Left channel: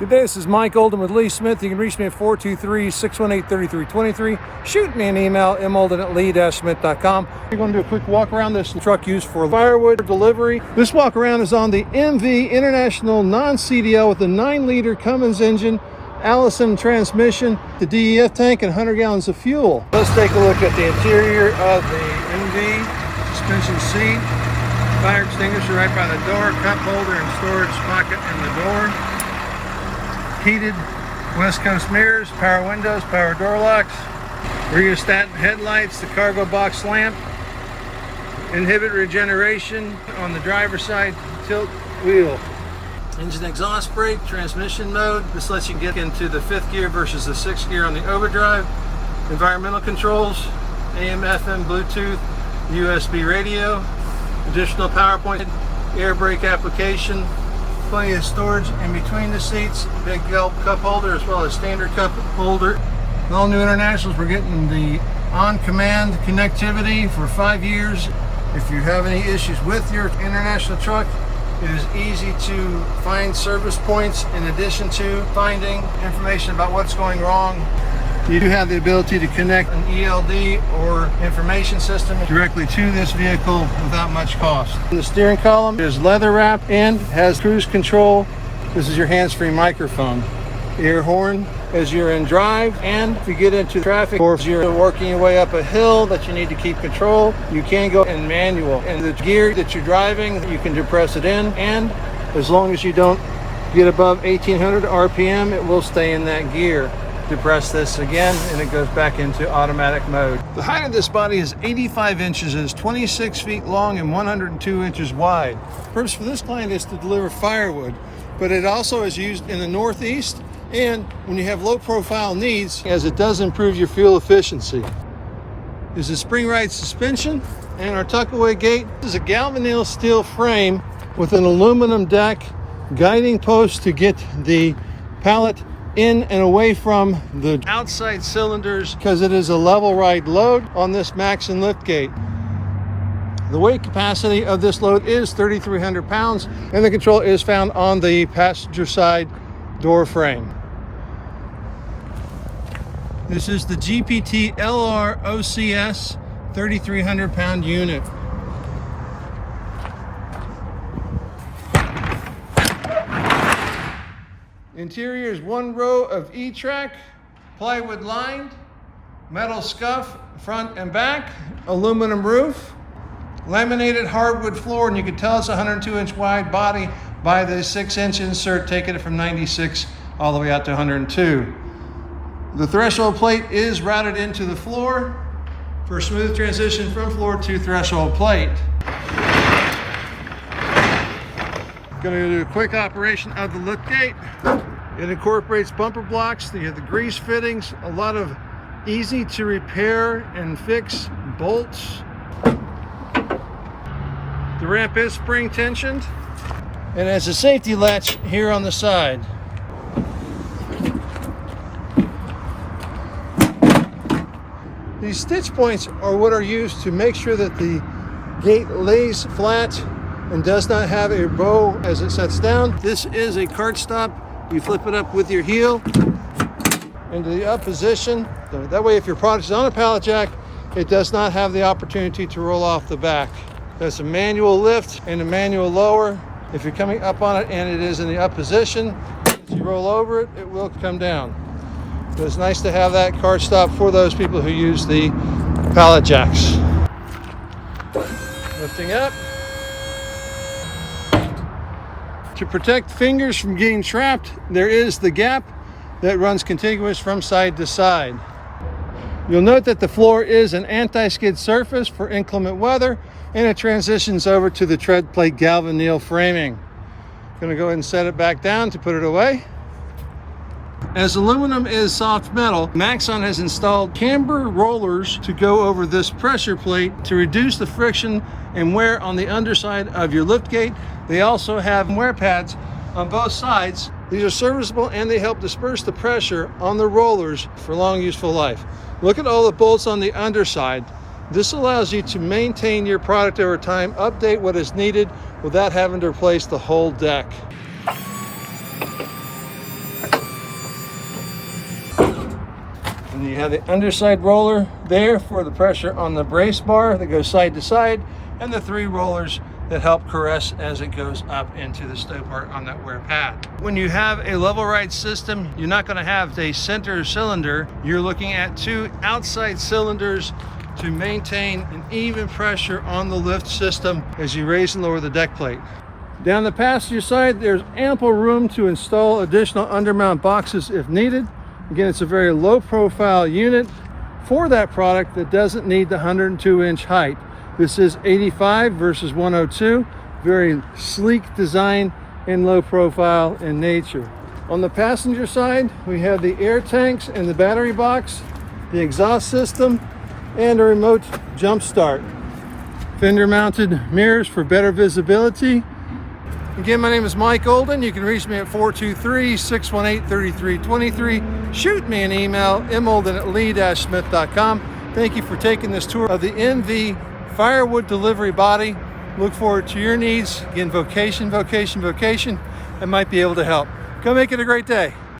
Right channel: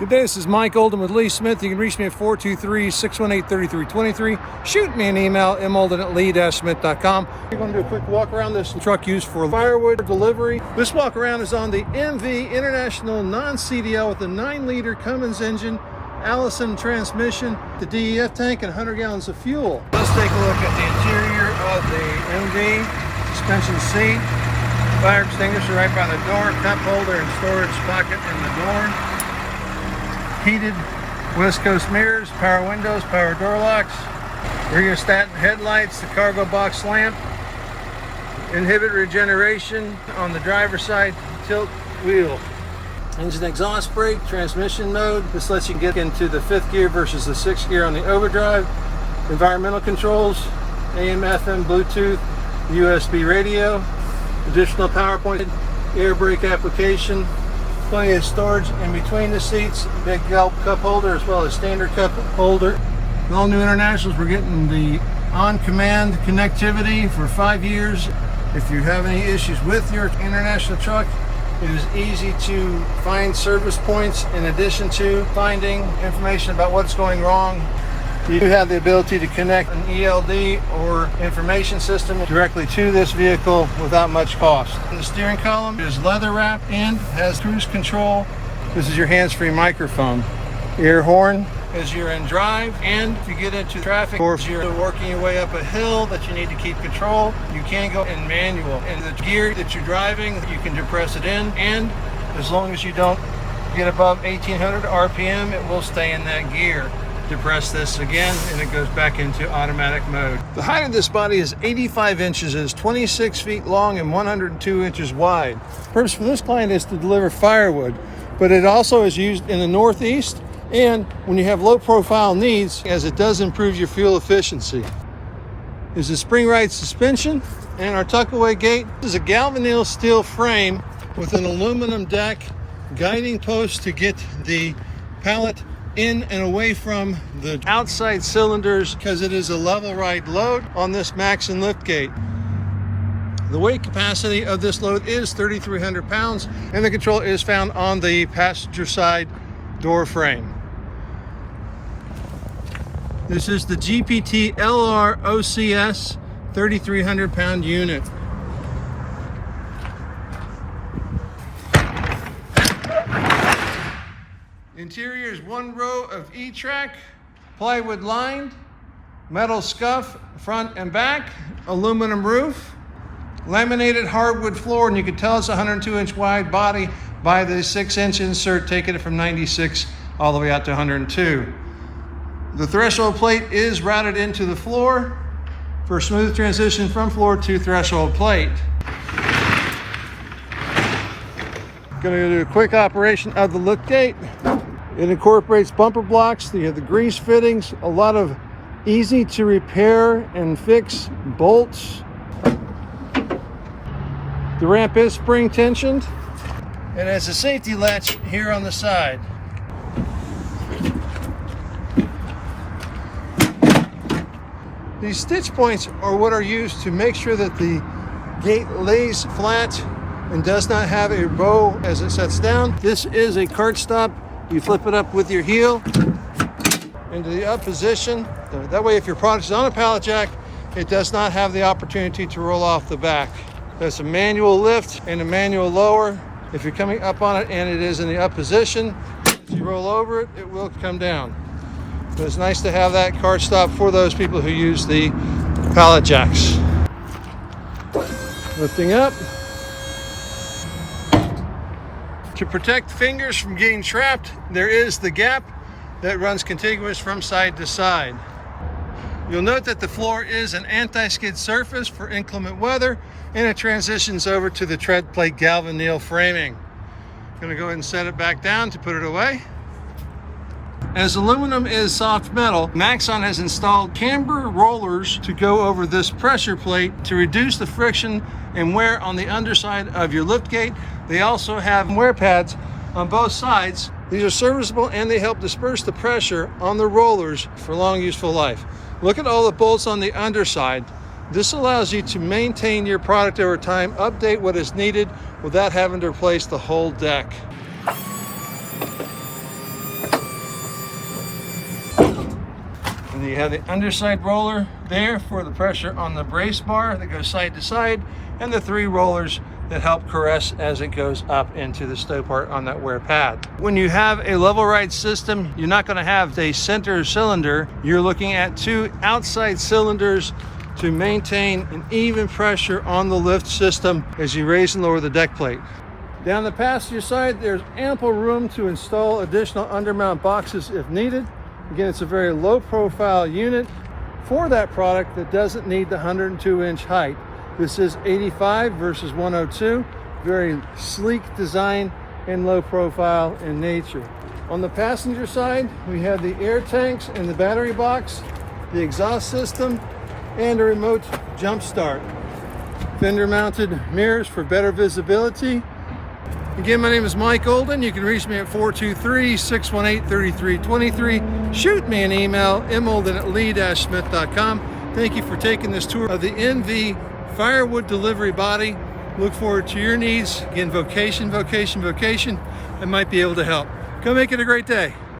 Good day, this is Mike Olden with Lee Smith. You can reach me at 423-618-3323. Shoot me an email, molden@lee-smith.com. We're going to do a quick walk around this truck used for firewood delivery. This walk around is on the MV International non-CDL with a 9-liter Cummins engine, Allison transmission, the DEF tank, and 100 gallons of fuel. Let's take a look at the interior of the MV. Suspension seat, fire extinguisher right by the door, cup holder and storage pocket in the door. Heated West Coast mirrors, power windows, power door locks, rheostat headlights, the cargo box lamp, inhibit regeneration on the driver's side tilt wheel. Engine exhaust brake, transmission mode. This lets you get into the 5th gear versus the 6th gear on the overdrive. Environmental controls, AM, FM, Bluetooth, USB radio, additional power point, air brake application, plenty of storage in between the seats, big Gulp cup holder as well as standard cup holder. In all new Internationals, we're getting the on-command connectivity for 5 years. If you have any issues with your International truck, it is easy to find service points in addition to finding information about what's going wrong. You do have the ability to connect an ELD or information system directly to this vehicle without much cost. The steering column is leather wrapped and has cruise control. This is your hands-free microphone. Air horn as you're in drive, and if you get into traffic or if you're working your way up a hill that you need to keep control, you can go in manual. And the gear that you're driving, you can depress it in, and as long as you don't get above 1800 RPM, it will stay in that gear. Depress this again and it goes back into automatic mode. The height of this body is 85 inches, it is 26 feet long and 102 inches wide. Purpose for this client is to deliver firewood, but it also is used in the Northeast and when you have low profile needs, as it does improve your fuel efficiency. Is a spring ride suspension and our tuckaway gate. This is a galvanized steel frame with an aluminum deck, guiding post to get the pallet in and away from the outside cylinders because it is a level ride load on this Maxon liftgate. The weight capacity of this load is 3,300 pounds and the control is found on the passenger side door frame. This is the GPT LR OCS 3,300 pound unit. Interior is 1 row of E-track, plywood lined, metal scuff front and back, aluminum roof, laminated hardwood floor, and you can tell it's a 102-inch wide body by the 6-inch insert, taking it from 96 all the way out to 102. The threshold plate is routed into the floor for a smooth transition from floor to threshold plate. Going to do a quick operation of the liftgate. It incorporates bumper blocks. You have the grease fittings, a lot of easy to repair and fix bolts. The ramp is spring tensioned and has a safety latch here on the side. These stitch points are what are used to make sure that the gate lays flat and does not have a bow as it sets down. This is a cart stop. You flip it up with your heel into the up position. That way if your product is on a pallet jack, it does not have the opportunity to roll off the back. There's a manual lift and a manual lower. If you're coming up on it and it is in the up position, if you roll over it, it will come down. So it's nice to have that cart stop for those people who use the pallet jacks. Lifting up. To protect fingers from getting trapped, there is the gap that runs contiguous from side to side. You'll note that the floor is an anti-skid surface for inclement weather, and it transitions over to the tread plate galvanized framing. Gonna go ahead and set it back down to put it away. As aluminum is soft metal, Maxon has installed camber rollers to go over this pressure plate to reduce the friction and wear on the underside of your liftgate. They also have wear pads on both sides. These are serviceable and they help disperse the pressure on the rollers for long useful life. Look at all the bolts on the underside. This allows you to maintain your product over time, update what is needed without having to replace the whole deck. And you have the underside roller there for the pressure on the brace bar that goes side to side, and the 3 rollers that help caress as it goes up into the stow part on that wear pad. When you have a level ride system, you're not going to have a center cylinder. You're looking at 2 outside cylinders to maintain an even pressure on the lift system as you raise and lower the deck plate. Down the passenger side, there's ample room to install additional undermount boxes if needed. Again, it's a very low profile unit for that product that doesn't need the 102-inch height. This is 85 versus 102, very sleek design and low profile in nature. On the passenger side, we have the air tanks and the battery box, the exhaust system, and a remote jump start. Fender mounted mirrors for better visibility. Again, my name is Mike Olden. You can reach me at 423-618-3323. Shoot me an email, molden@lee-smith.com. Thank you for taking this tour of the NV Firewood delivery body. Look forward to your needs. Again, Vocation, Vocation, Vocation. I might be able to help. Go make it a great day.